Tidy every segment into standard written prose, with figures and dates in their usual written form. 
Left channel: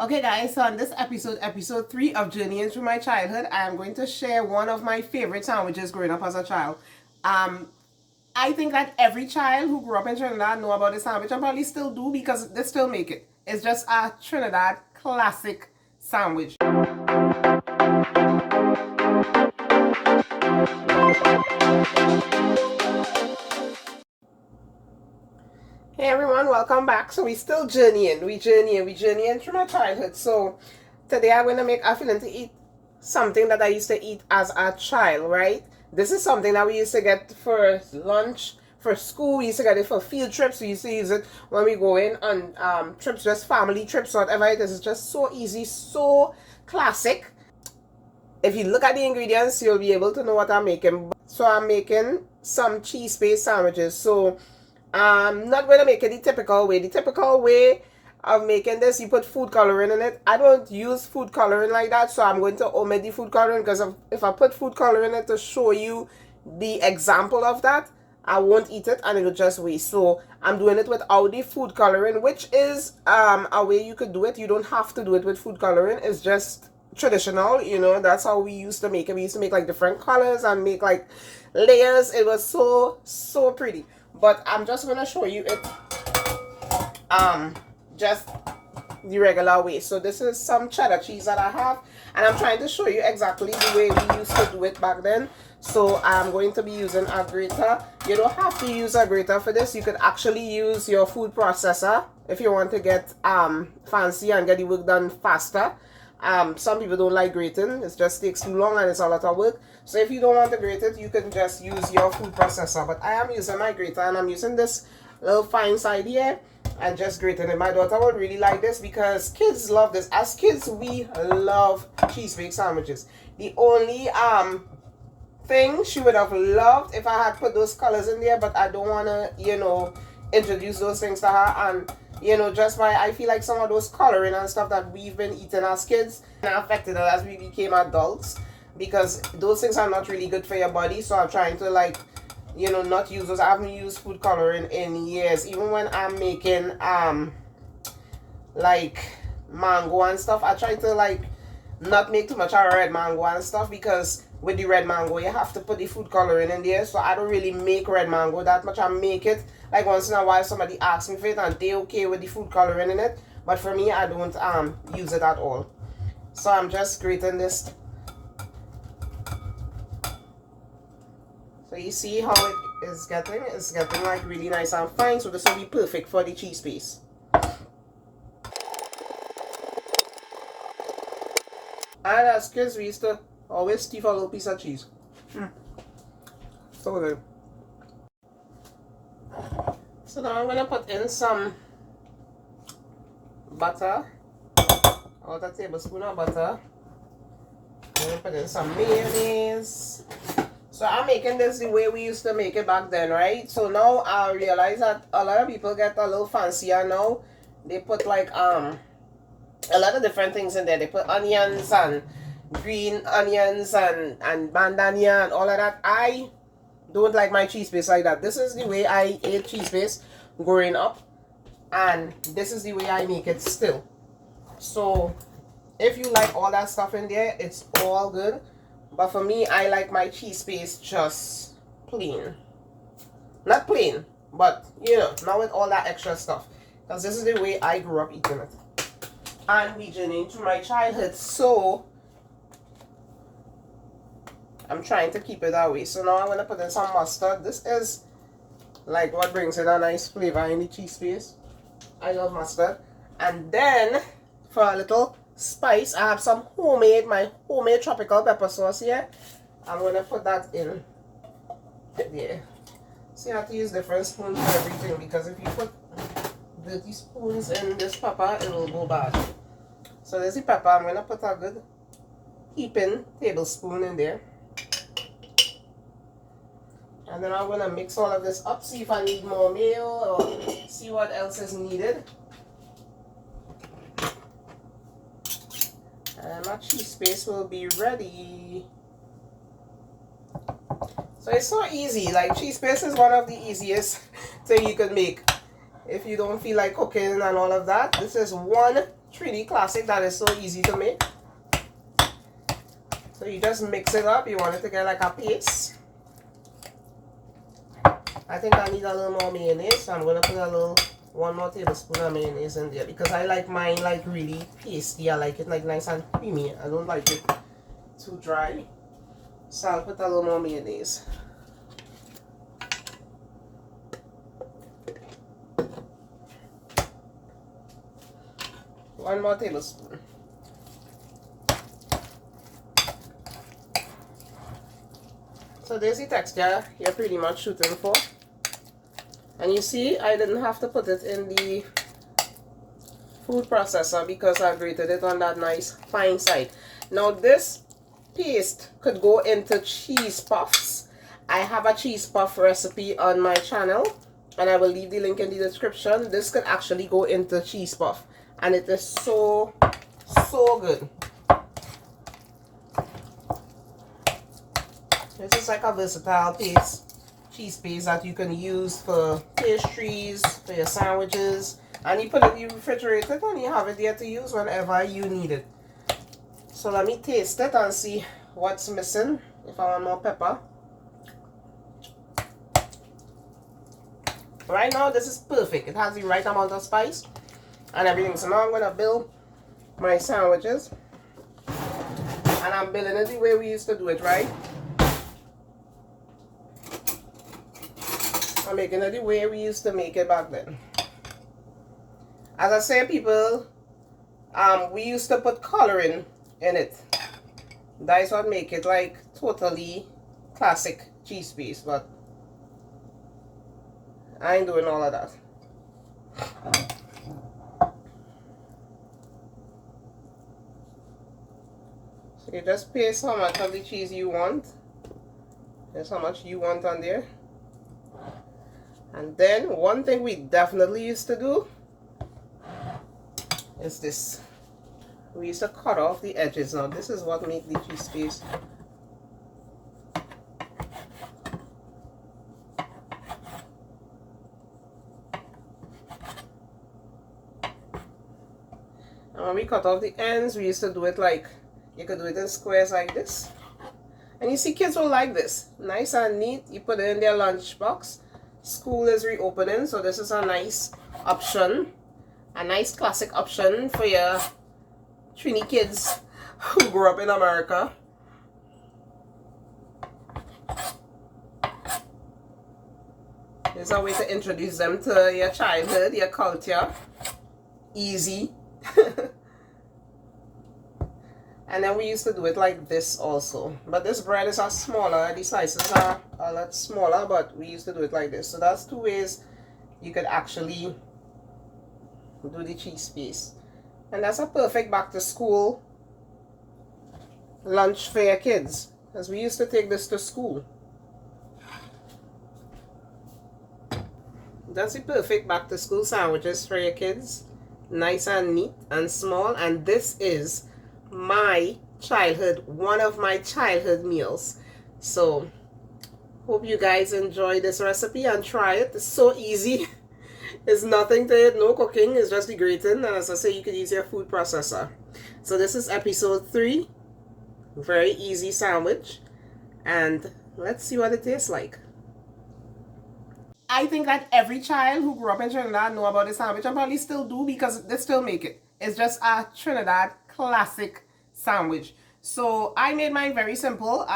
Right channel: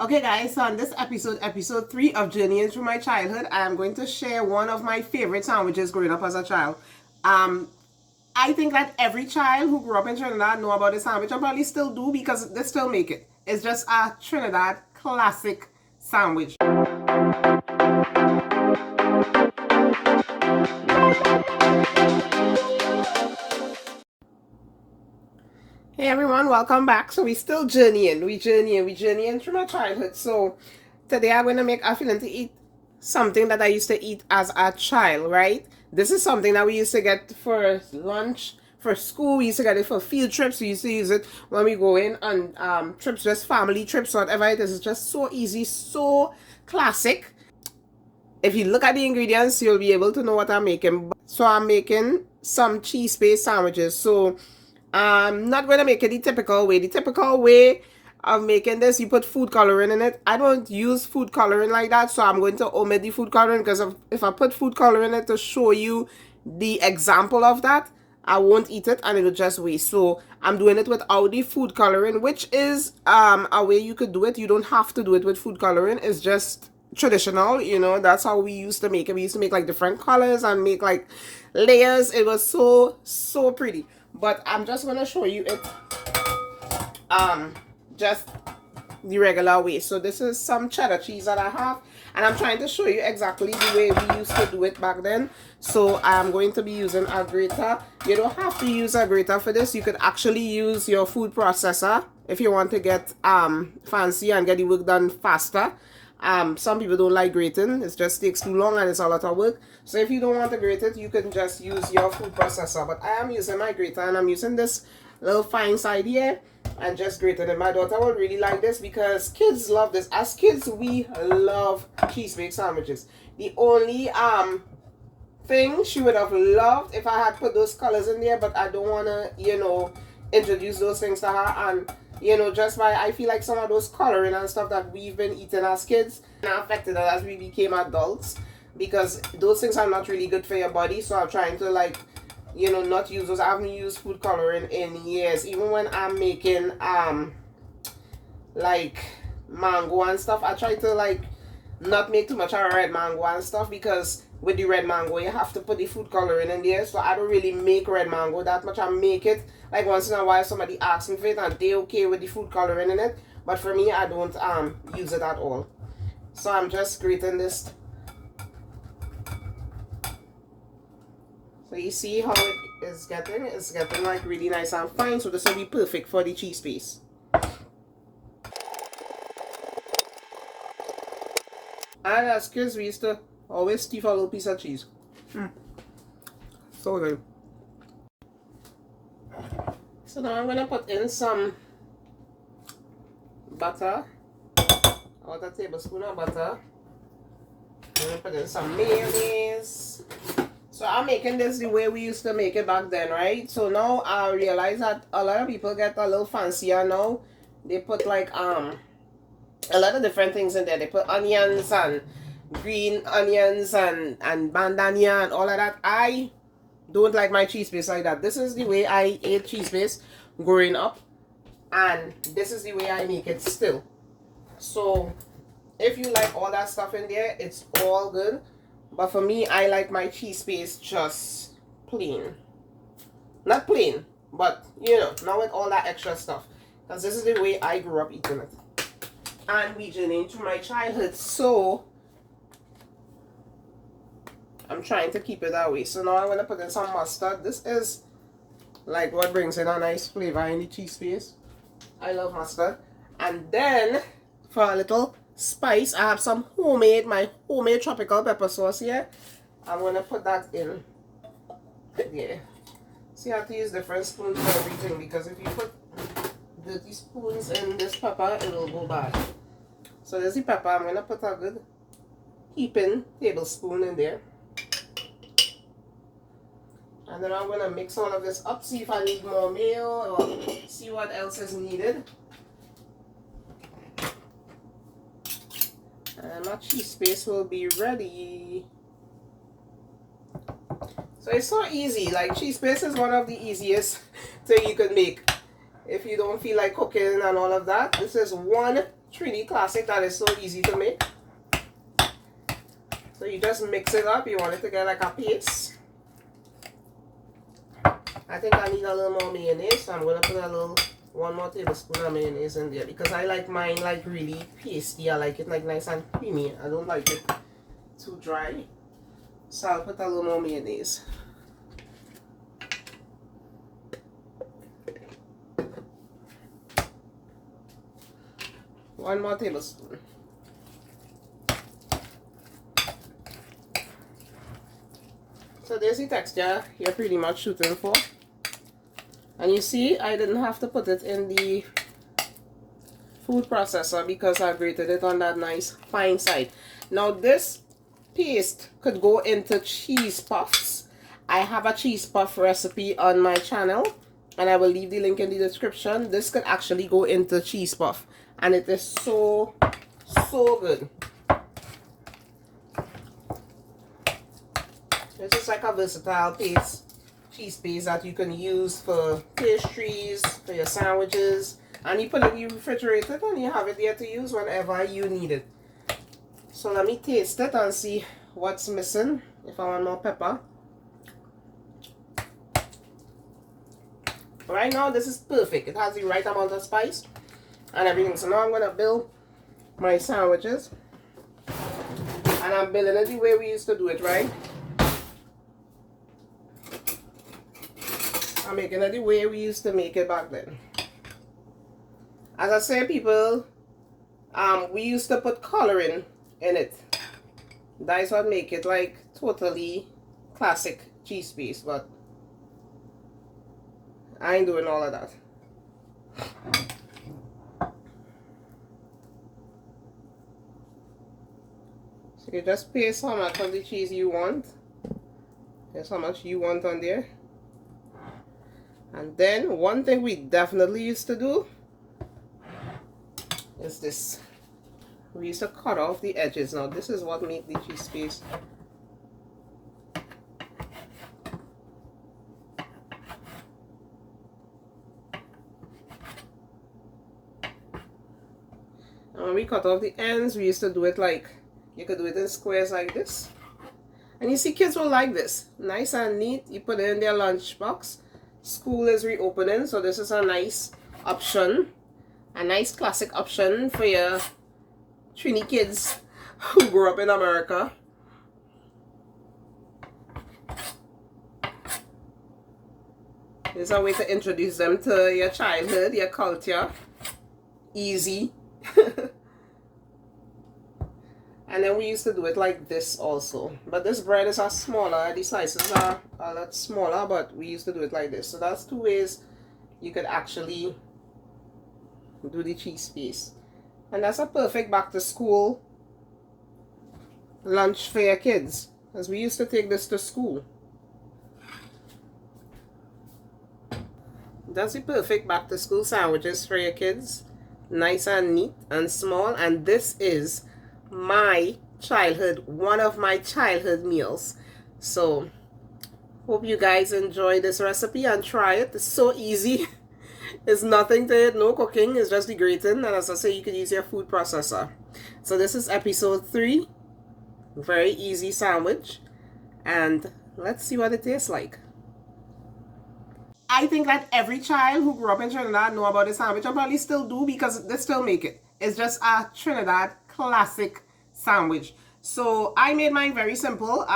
Okay guys, so on this episode 3 of Journeying Through My Childhood, I am going to share one of my favorite sandwiches growing up as a child. I think that every child who grew up in Trinidad know about this sandwich and probably still do because they still make it. It's just a Trinidad classic sandwich. Hey everyone, welcome back. So we still journeying. We journeying through my childhood. So today I'm gonna make a feeling to eat something that I used to eat as a child, right? This is something that we used to get for lunch, for school. We used to get it for field trips. We used to use it when we go in on trips, just family trips, whatever it is. It's just so easy, so classic. If you look at the ingredients, you'll be able to know what I'm making. So I'm making some cheese-based sandwiches. So I'm not going to make it the typical way. The typical way of making this, you put food coloring in it. I don't use food coloring like that, so I'm going to omit the food coloring because if I put food coloring in it to show you the example of that, I won't eat it and it'll just waste. So I'm doing it without the food coloring, which is a way you could do it. You don't have to do it with food coloring. It's just traditional, you know. That's how we used to make it. We used to make like different colors and make like layers. It was so pretty. But I'm just gonna show you it just the regular way. So this is some cheddar cheese that I have, and I'm trying to show you exactly the way we used to do it back then. So I'm going to be using a grater. You don't have to use a grater for this. You could actually use your food processor if you want to get fancy and get the work done faster. Some people don't like grating. It just takes too long and it's a lot of work. So if you don't want to grate it, you can just use your food processor. But I am using my grater and I'm using this little fine side here and just grating it. My daughter would really like this because kids love this. As kids, we love cheese-baked sandwiches. The only thing she would have loved if I had put those colors in there, but I don't want to, you know, introduce those things to her. And you know, just by I feel like some of those coloring and stuff that we've been eating as kids affected us as we became adults, because those things are not really good for your body. So I'm trying to, like, you know, not use those. I haven't used food coloring in years. Even when I'm making like mango and stuff, I try to like not make too much of red mango and stuff, because with the red mango you have to put the food coloring in there. So I don't really make red mango that much. I make it like once in a while somebody asks me for it and they okay with the food coloring in it, but for me I don't use it at all. So I'm just grating this. So you see how it is getting? It's getting like really nice and fine. So this will be perfect for the cheese paste. And as kids, we used to always steal a little piece of cheese. So good. So now I'm going to put in some butter. About a tablespoon of butter. I'm going to put in some mayonnaise. So I'm making this the way we used to make it back then, right? So now I realize that a lot of people get a little fancier now. They put like a lot of different things in there. They put onions and green onions and bandania and all of that. I don't like my cheese paste like that. This is the way I ate cheese paste growing up, and this is the way I make it still. So if you like all that stuff in there, it's all good. But for me, I like my cheese paste just plain. Not plain, but you know, not with all that extra stuff. Because this is the way I grew up eating it. And we journeyed through my childhood, so I'm trying to keep it that way. So now I'm going to put in some mustard. This is like what brings in a nice flavor in the cheese paste. I love mustard. And then for a little spice, I have some my homemade tropical pepper sauce here. I'm going to put that in there. So you have to use different spoons for everything, because if you put dirty spoons in this pepper, it will go bad. So there's the pepper. I'm going to put a good heaping tablespoon in there. And then I'm going to mix all of this up, see if I need more mayo or see what else is needed. And my cheese paste will be ready. So it's so easy. Like, cheese paste is one of the easiest thing you could make. if you don't feel like cooking and all of that. This is one Trini classic that is so easy to make. So you just mix it up. You want it to get like a paste. I think I need a little more mayonnaise, so I'm going to put one more tablespoon of mayonnaise in there because I like mine like really pasty. I like it like nice and creamy. I don't like it too dry. So I'll put a little more mayonnaise. One more tablespoon. So there's the texture you're pretty much shooting for. And you see, I didn't have to put it in the food processor because I grated it on that nice fine side. Now this paste could go into cheese puffs. I have a cheese puff recipe on my channel and I will leave the link in the description. This could actually go into cheese puff and it is so good. This is like a versatile paste, cheese paste that you can use for pastries, for your sandwiches, and you put it in the refrigerator and you have it there to use whenever you need it. So let me taste it and see what's missing, if I want more pepper. Right now this is perfect. It has the right amount of spice and everything. So now I'm going to build my sandwiches. And I'm building it the way we used to do it, right? I'm making it the way we used to make it back then. As I say, people, we used to put coloring in it. That's what make it like totally classic cheese paste, but I ain't doing all of that. So you just paste how much of the cheese you want. That's how much you want on there. And then one thing we definitely used to do is this. We used to cut off the edges. Now this is what makes the cheese paste. And when we cut off the ends, we used to do it like, you could do it in squares like this. And you see kids will like this. Nice and neat. You put it in their lunchbox. School is reopening, so this is a nice option. A nice classic option for your Trini kids who grew up in America. There's a way to introduce them to your childhood, your culture. Easy. And then we used to do it like this also. But this bread is a smaller, the slices are a lot smaller, but we used to do it like this. So that's two ways you could actually do the cheese paste. And that's a perfect back to school lunch for your kids, because we used to take this to school. That's the perfect back to school sandwiches for your kids. Nice and neat and small. And this is my childhood, one of my childhood meals. So hope you guys enjoy this recipe and try it. It's so easy. It's nothing to it, no cooking, it's just the grating, and as I say, you can use your food processor. So this is episode 3. Very easy sandwich, and let's see what it tastes like. I think that every child who grew up in Trinidad know about this sandwich, and probably still do because they still make it. It's just a Trinidad classic sandwich. So I made mine very simple.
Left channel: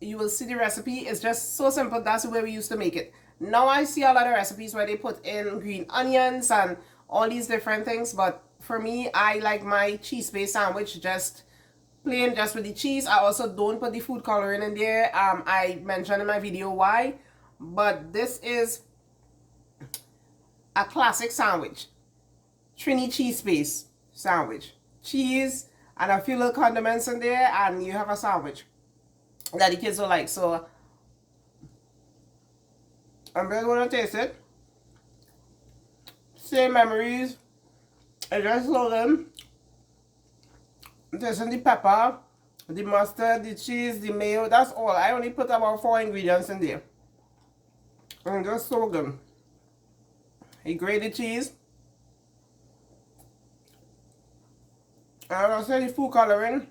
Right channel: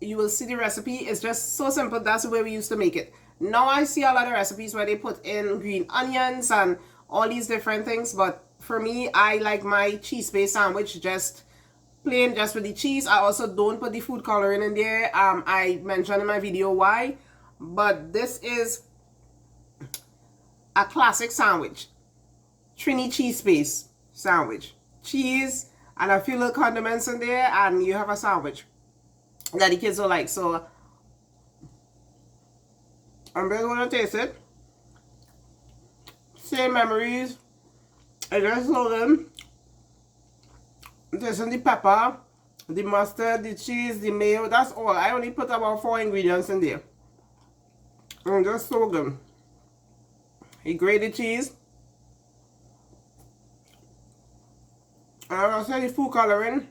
You will see the recipe. It's just so simple. That's the way we used to make it. Now I see a lot of recipes where they put in green onions and all these different things, but for me, I like my cheese-based sandwich just plain, just with the cheese. I also don't put the food coloring in there. I mentioned in my video why, but this is a classic sandwich. Trini cheese-based sandwich. Cheese and a few little condiments in there, and you have a sandwich that the kids will like. So I'm really gonna taste it. Same memories. I just love them. Tasting the pepper, the mustard, the cheese, the mayo. That's all. I only put about 4 ingredients in there. And just so good. a grated cheese. I'll say food coloring.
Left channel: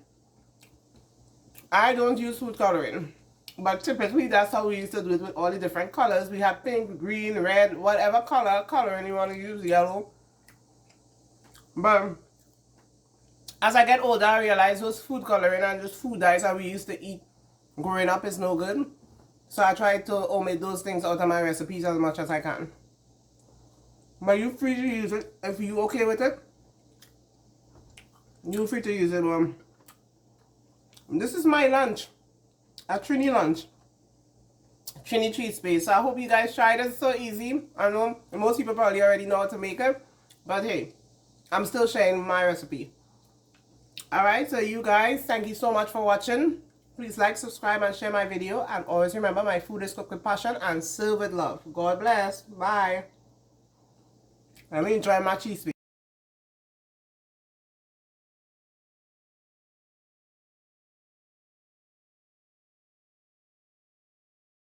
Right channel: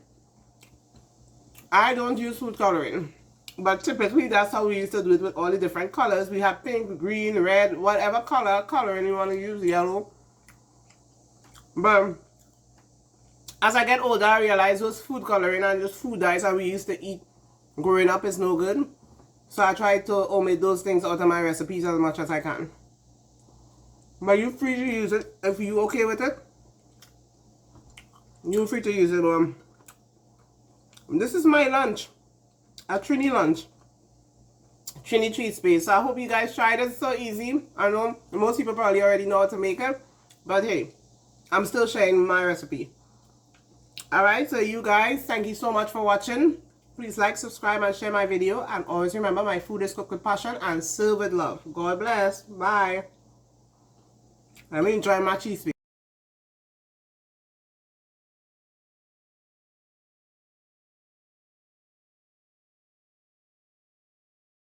I don't use food coloring, but typically that's how we used to do it with all the different colors. We have pink, green, red, whatever coloring you want to use, yellow. But as I get older, I realize those food coloring and those food dyes that we used to eat growing up is no good. So I try to omit those things out of my recipes as much as I can. But you're free to use it if you're okay with it. You're free to use it. This is my lunch, a Trini lunch, Trini treat space. So I hope you guys tried it. It's so easy. I know most people probably already know how to make it, but hey, I'm still sharing my recipe. Alright, so you guys, thank you so much for watching. Please like, subscribe, and share my video. And always remember, my food is cooked with passion and served with love. God bless. Bye. Let me enjoy my cheese.